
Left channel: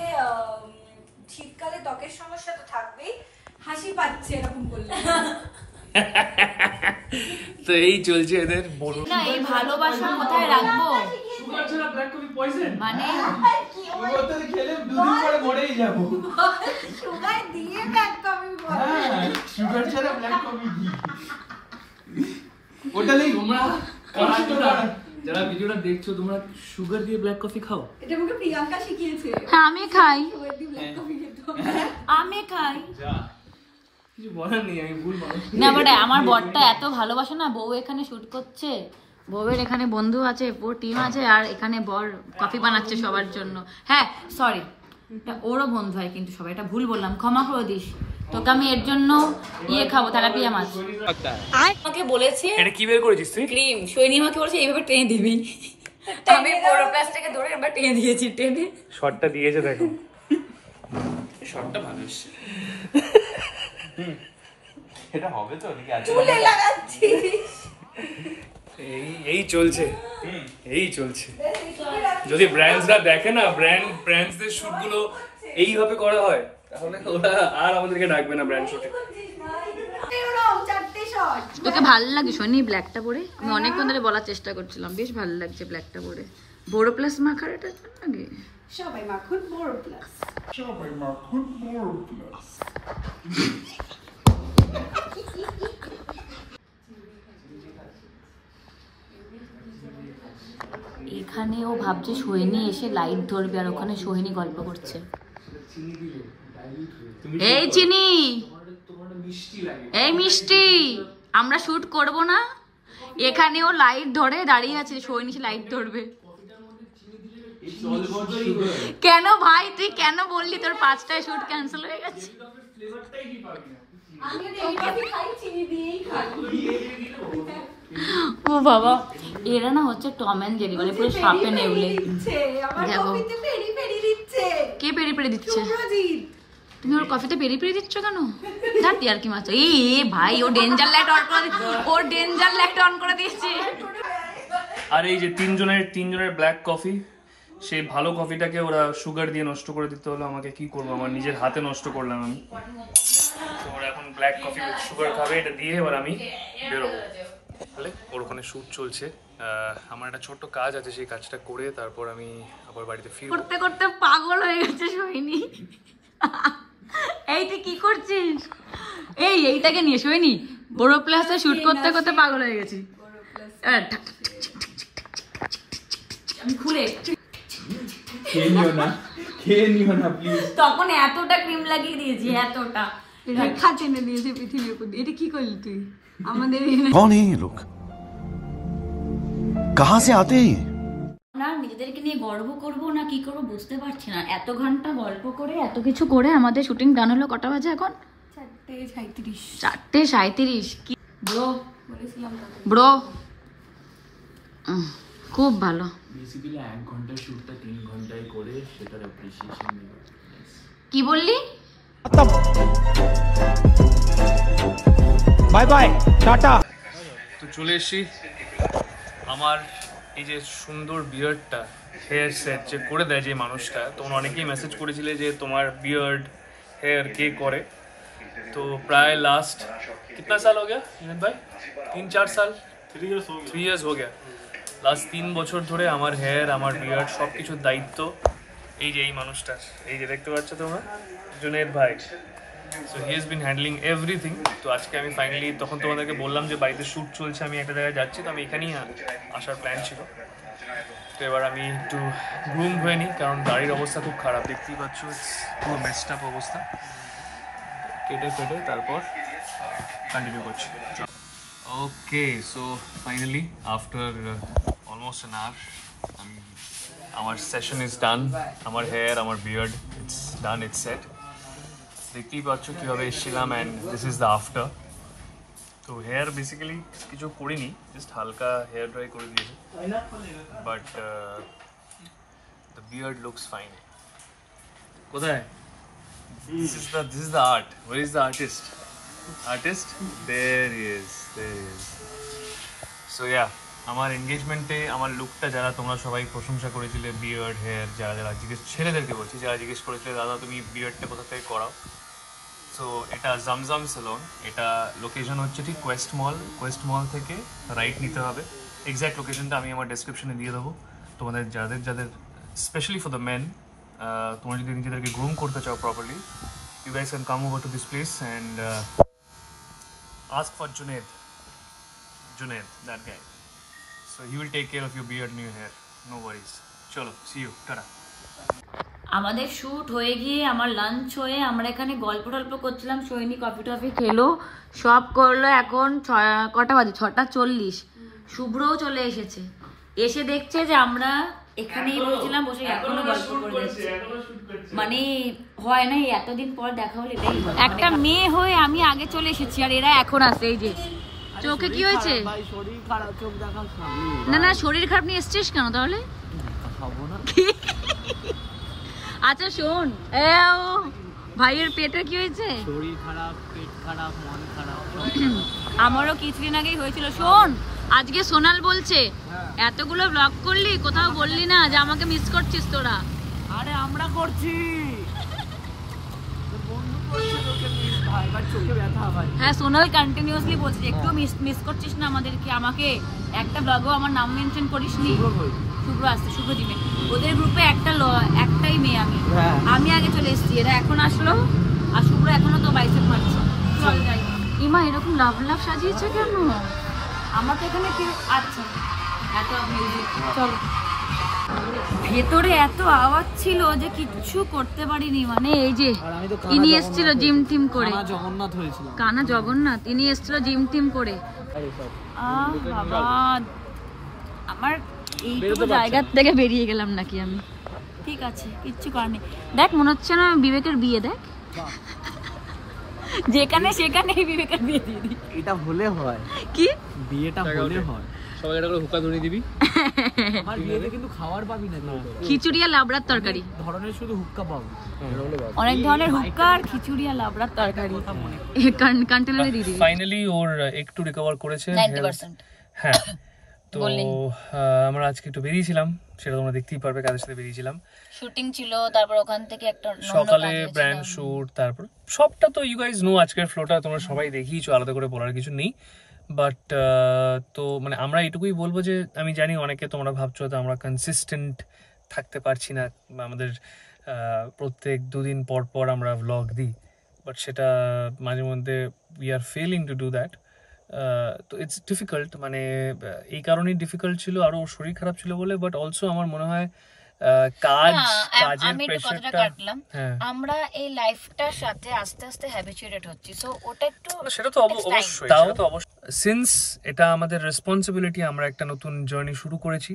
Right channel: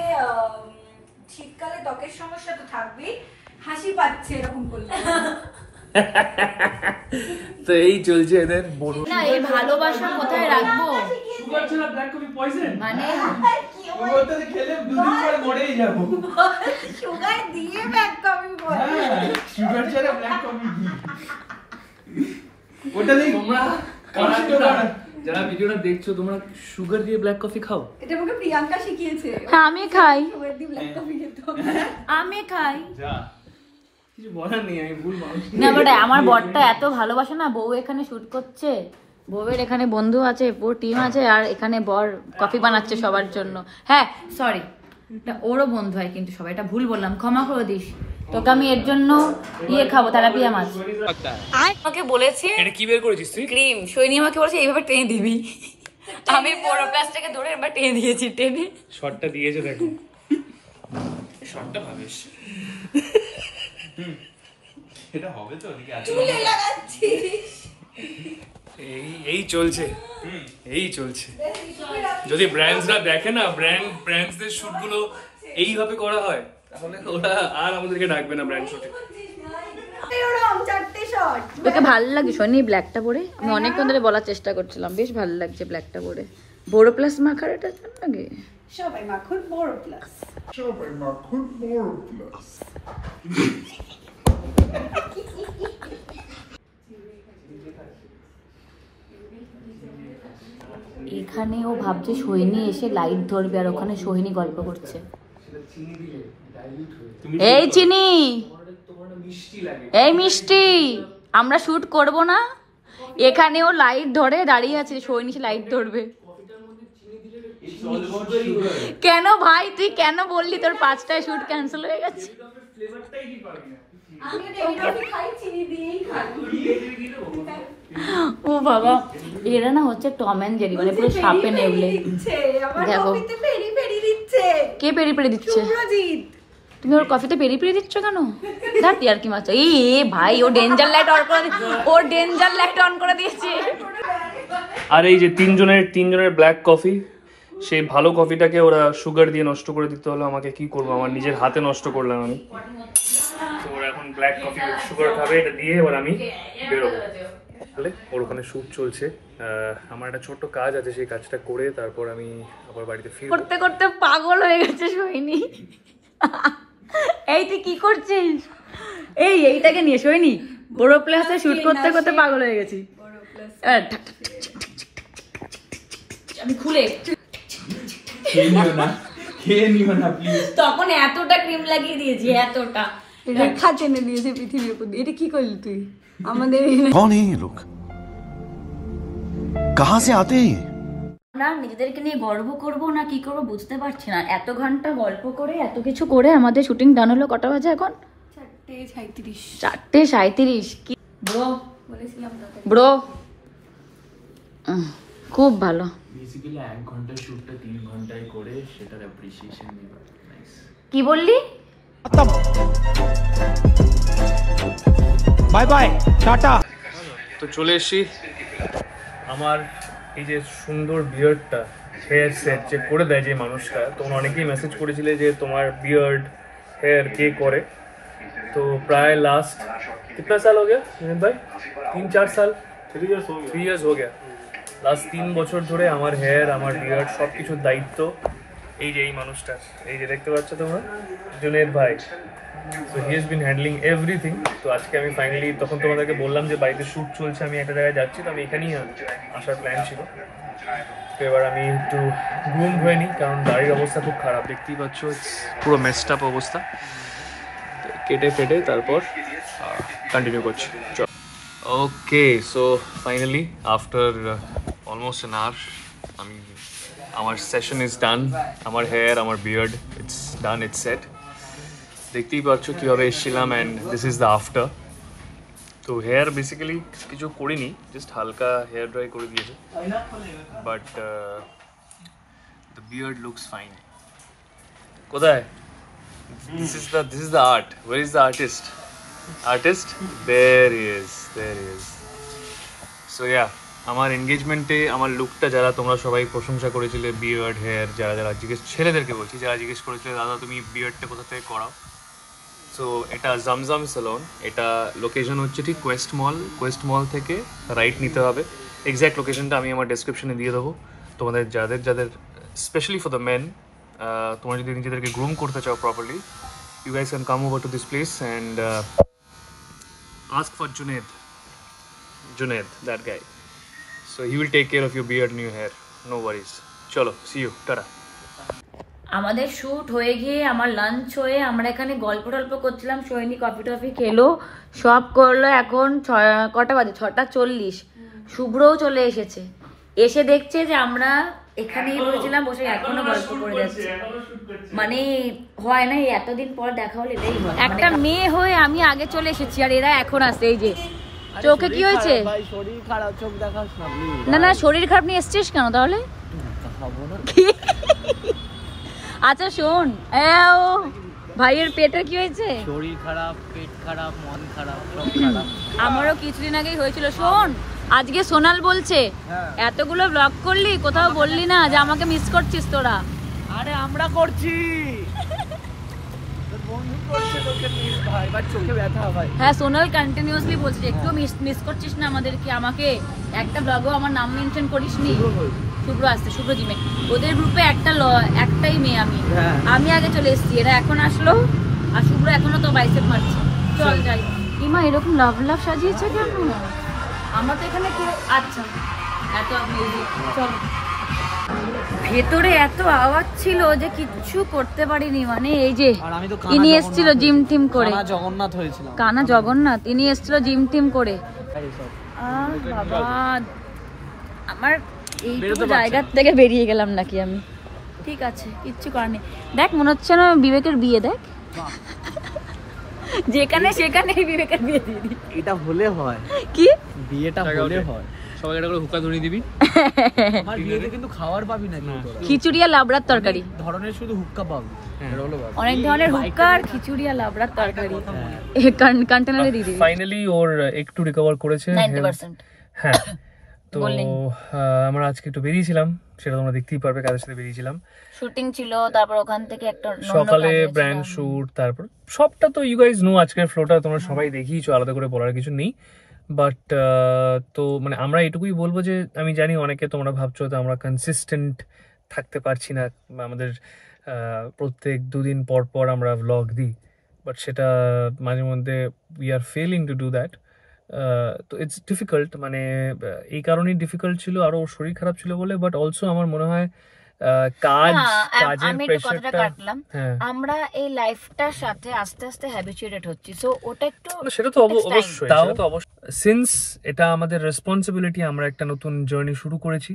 শীতকালে ত্বকের সমস্যা তো থাকবেই, হাসি পাচ্ছে এরকম করলে। তো এই চলছে এদের বড় না এই ভালোবাসা কোথায় রাখবো সুগার ছাড়া ব্ল্যাক কফি পয়জন মানে সুগার তো খেলে দুদিন পরে মরেই যাব সুগার দিয়ে ব্ল্যাক কফি বল সুগার ছাড়া ব্ল্যাক কফি ওটা নেই তোমরা যারা ভিডিওটা দেখছো তোমরা সুগার দিয়ে ব্ল্যাক কফি খাও? এটা আমাকে প্রিয়াঙ্কা শিখিয়েছে। হ্যাঁ আমি খাই, সুগার দিয়ে ব্ল্যাক কফি খেতে আমি খাই। কিছু বলার নেই, আমি ভুল মানুষ না বাট আমার বরটা এত ভালোবাসে না, বউ এখানে শুট করছে, বউয়ের এখানে বন্ধু আছে, পুরো টিম আছে, আর এখানে বর কফি বানাচ্ছে সবার জন্য। হ্যাঁ সরি, ওরও বন্ধু হয় কিন্তু সবাই, এটা ভুল বললাম, ক্ষমা করে দিস। তোকে আমি এর জন্য খাবো, তেলাপিয়া মাছ। আমাকে বলেছে এটা কি বের করেছিস তুই? ক্রিম। সৈনী আমাকে বলেছে এইভাবে টেনে দিবি, আমি পুরো প্লাস্টিকে ধরে এবার টেনে দিয়েছি, টেনে শটটা দিয়েছে দেখো, শটটা ভালো এসেছে। এটা হবে তো নাকি আছে? চুলে লাগাচ্ছিস? এই চলছে, এই চলছে। যদি ব্র্যান্ডসরা দেখে না, ব্র্যান্ডসদের শুটগুলো এইভাবে করা হয়, তাহলে ওরা আর আমাদেরকে ডাকবে না ব্র্যান্ড শুটে। চারটে শট। তোকে ভালো লাগে শোনি ব্ল্যাকটা পরে? আমি অনেকক্ষণ ধরে বলার চেষ্টা করছিলাম, বেশ ভালো লাগছে ব্ল্যাকটা পরে। বড় প্লাস মাখার এটা ভালো লাগে। সবাই মাখন বড় প্লাস। এখানে ও ভাবছে সোহিনী এসে লাইট ধরবে, আর ওখানে সোহিনী গল্প করছে। এই চিনি, এই মিষ্টি, আমরা শুট করব না? এখানে ও লাইট ধরে দাঁড়িয়ে আছে, সোহিনী লাইট ধরবে। কেন ভাই তুই কেন বললি তোর 5টায় শুট ক্যান্সেল হয়ে গেছে? ও বাবা, এরা না হচ্ছে টম এন্ড জেরি, মানে পুরো সাপে নেউলে। দেখো কে পেরি পেরি দিচ্ছে? তুমি ওর কফিতে পেরি পেরি দিচ্ছ কেন? ধার আর কি মাছ। এই ভাই ও ডেঞ্জার লাইট অন করে, ও ডেঞ্জার লাইট অন করে দিয়েছে। আর এই যে তিনজনের ব্ল্যাক কফি, সেই ভালো কফিটাকে ওরা সুগার দিয়ে নষ্ট করে দিতে হলো আমাকে। কি করবো, আমার নিজের হাতে নষ্ট করলাম আমি। তো ওরা এখন ব্ল্যাক কফি সুগার খাবে, এটা দিয়ে এবার আমি বেরোবো। তাহলে ওর ওখানে শ্যুট চলছে, আমার একটা ছোট্ট কাজ আছে, সেই কাজটা করে তারপর আমি আবার বাড়িতে ফিরবো। করতে করতে পাগল হয়ে গেছে সোহিনী। এই তুই কি করছিস? এইটাকে নিয়ে সোহিনী বড় প্লাসে শুট করতে করতে পাগল হয়ে গেছি। আমি খুলে তখন এতটা ক্রিম লাগিয়ে দিয়েছি, এতটা রেখা টেনে দিয়েছে পৃথিবীর উপর। এটা কি করলি তুই আমাদের? कौन है ये लोग, कहां से आते हैं? না নিজেদেরকে নিয়ে গর্ব করব না কি করব বুঝতে পারছি না। এত ঘন্টা গল্প করে এত কিছু করে আমাদের শুটিং ডান হলো। কটা বাজে এখন? 4:37। কি ব্রো ব্রো, খুব ভালো। বেসিক্যালি 1 ঘন্টা শুটটা 3 ঘন্টায় করে সেটার অ্যাপ্রিসিয়েশন নেব। কি বললি? Bye bye tata. তো চলে এসেছি। আমার এই যে সুন্দর বিয়ার্ডটা, হেয়ার সেট যে করে দেয় যে মানুষটা, তোমরা অনেকেই মেসেজ করেছিলে যে তোমার বিয়ার্ড হেয়ার কে করে। তো প্রায় লাস্ট कितना साल हो गया विनीत भाई? 3-4 साल, 3 years हो गया। লাস্ট 3 বছর ধরে আমার হেয়ার, আমার বিয়ার্ড সব কিছুর দায়িত্ব এই যে এই মানুষটার। এই যে দেখতে পাচ্ছ তোমরা, জুনেদ ভাই। So he has been handling everything. তো আজকে আমি ফাইনালি, তখন তোমাদেরকে বললাম যে বাড়িতে শ্যুট চলছে, আমি একটা জায়গায় যাচ্ছি, তো আমি এখানেই আসার প্ল্যান ছিল। তো এবার আমি একটু গ্রুম হয়ে নিই, কারণ গাড়ির অবস্থা খুব খারাপ, দেখতেই পাচ্ছ, পুরো মেসড আপ অবস্থা। কেটে ফেটে তারপর কন্টিনিউ করছি। Okay, so finally after almost an hour আমি, আমার সেশন ইজ ডান। আমার হেয়ার, আমার beard, it's done, it's set. দেখতেই পাচ্ছ কীভাবে এসেছিলাম, and this is the after. তো হেয়ার বেসিক্যালি কিছু করিনি, জাস্ট হালকা হেয়ার ড্রাই করে দিয়েছে, but the beard looks fine. কোথায়? This is the art. Where is the artist? Artist? There he is. So yeah, আমার এনগেজমেন্টে আমার লুকটা যারা তোমরা সবাই প্রশংসা করেছিলে, বিয়ার্ড হেয়ার, যারা ছেলেদেরকে বলছি, যারা জিজ্ঞেস করেছিলে দাদা তুমি বিয়ার্ডটা কোথা থেকে করাও, সো সো এটা জমজম সেলুন, এটা লোকেশন হচ্ছে ঠিক কোয়েস্ট মল থেকে রাইট নিতে হবে। এক্স্যাক্ট লোকেশনটা আমি আমার ডেসক্রিপশনে দিয়ে দেবো। তোমাদের যাদের স্পেশালি ফর দ্য মেন, তোমরা যদি নিজেদেরকে গ্রুম করতে চাও properly, you guys can come over to this place and ask for Junaid, that guy. So he will take care of your beard and your hair, no worries. Chalo, see you, tata. আমাদের shoot হয়ে গিয়ে আমার lunch হয়ে আমরা এখানে গল্প টল্প করছিলাম, সোহিনী কফি টফি খেলো, সব করলো। এখন কটা বাজে? 6:40। শুভ্রও চলে এসেছে, এসে দেখছে যে আমরা এখানেই বসেছিলাম, বসে এখনো গল্প করে যাচ্ছি। মানে হয় না, এতদিন পর দেখা হলে এটাই হয়। একটা মেয়ে হয়ে আমি আগে চলে এসেছি আর এরা এখন আসছে। এই যে চোখে কি হয়েছে? না শরীর খারাপ নিয়ে এসছিস কেন তাহলে? আচ্ছা শোন, ভাইয়ের পেটে কি হয়েছে? শরীর খারাপ, পেট খারাপ, মন খারাপ, সব খারাপ। আমারও কিছুদিন আগেই হয়েছিল। শোন, আজকে সোনাল বলছে এতগুলো ব্লগ করলি, কোথাও বললি না যে আমাকে মিস করছিস তোরা। আরে আমরা করছি, তোর বন্ধু করছে লোকে মিস ভাই, বাট চোখে ব্যথা ভাই। হ্যাঁ, সোনাল কন্টিনিউয়াসলি বলছে একটু মিস করছিস না আমাদেরকে, আমাকে একটা ব্লগও আমার নাম মেনশন করিসনি। শুভ্র আসছে, শুভ্র জিমে, ওদের গ্রুপে একটাই মেয়ে আমি আগে চলে এসেছি, এরা এখন আসলো আর শুভ্র এখনো তো বাইসেপ মারছে। চল যাই। ইমা এরকম লাভ সাজিয়েছে কেন? আমার তো এখানে কেউ, আচ্ছা এত মিউজিক, চল। ভেতরে এত আওয়াজ ছিল যে কিচ্ছু করতে পারিনি। মানে এই যে ইনি এসেছিল জিম টিম করে, জগন্নাথ হয়েছিল, কানা জগন্নাথ, ইনি এসেছিল জিম টিম করে। বাবা, আমার এইটুকু জায়গা থেকে বেরিয়ে গেলাম নাকি আমি? ঠিক আছে, কিচ্ছু করার নেই। দেখ মনে হচ্ছে না বিবেকের বিয়ে, দেখ যেখানে সেখানে বিবেকের বিয়ে দিয়ে দিই। এটা হলে হয় কি? বিয়েটা হলে হয়। সবাই এটা হুকা ধরিয়ে দিবি। আমার বিয়েতে কিন্তু খাবার পাবি না কেউ, খিচুড়ি আর লাবড়ার তরকারি ধরনের শুধু হুক্কা পাবি। অনেক ধরনের হুক্কা আর খিচুড়ি আর লাবড়ার তরকারি কন্টেনারে দিয়ে দিবি। ফাইনালি ওর একটু রিকভার করেছে 90%। হ্যাঁ, তো আমরা আজকে একটু বেরিয়েছিলাম, সেটা তোমরা দেখতেই পারবে, কাদের সাথে বেরিয়েছিলাম। শুটিং ছিল, তারপর ওখান থেকে একটা সকালে ব্র্যান্ড শুট, তারপর সবটা তো ইউ গাইজ নো, আজকের ফ্লোটা তোমরা সবাই দেখিয়েছো, আলাদা করে বলার কিছু নেই। বাট তো মানে আমরা এটুকুই বলবো যে আমি জানি অনেকে তোমরা ভাবছো যে আমরা কনসিস্টেন্ট থাকতে পারছি না, আমাদের প্রত্যেক 2 দিন পর পর আমরা ভ্লগ দিই, বাট সেটা মাঝে মধ্যে we are failing to do that. তো ইটস ডিফিকাল্ট, মানে এই কারণেই ডিফিকাল্ট ছিল, আরো শরীর খারাপ ছিল বলে। বাট অলসো আমার মনে হয় কাজের প্রেসারটা, আমরা এই লাইফটার সাথে আস্তে আস্তে হ্যাবিচুয়েটেড হচ্ছি, সো ওটা একটু, সেটা তো অবশ্যই, তাও তো অবশ্যই, সিন্স এটা আমাদের রেসপন্সিবিলিটি, আমরা একটা নতুন জার্নি শুরু করেছি,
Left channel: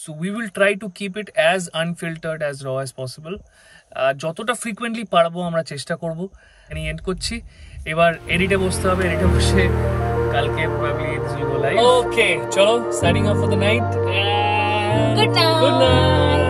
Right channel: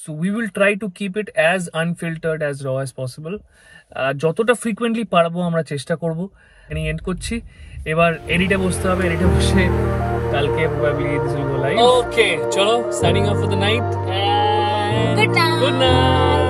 so we will try to keep it as unfiltered, as র অ্যাজ পসিবল। যতটা ফ্রিকুয়েন্টলি পারবো আমরা চেষ্টা করবো। এন্ড করছি, এবার এডিটে বসতে হবে, এডিটে বসে কালকে probably this will go live. Okay, চলো, signing off for the night. Good night.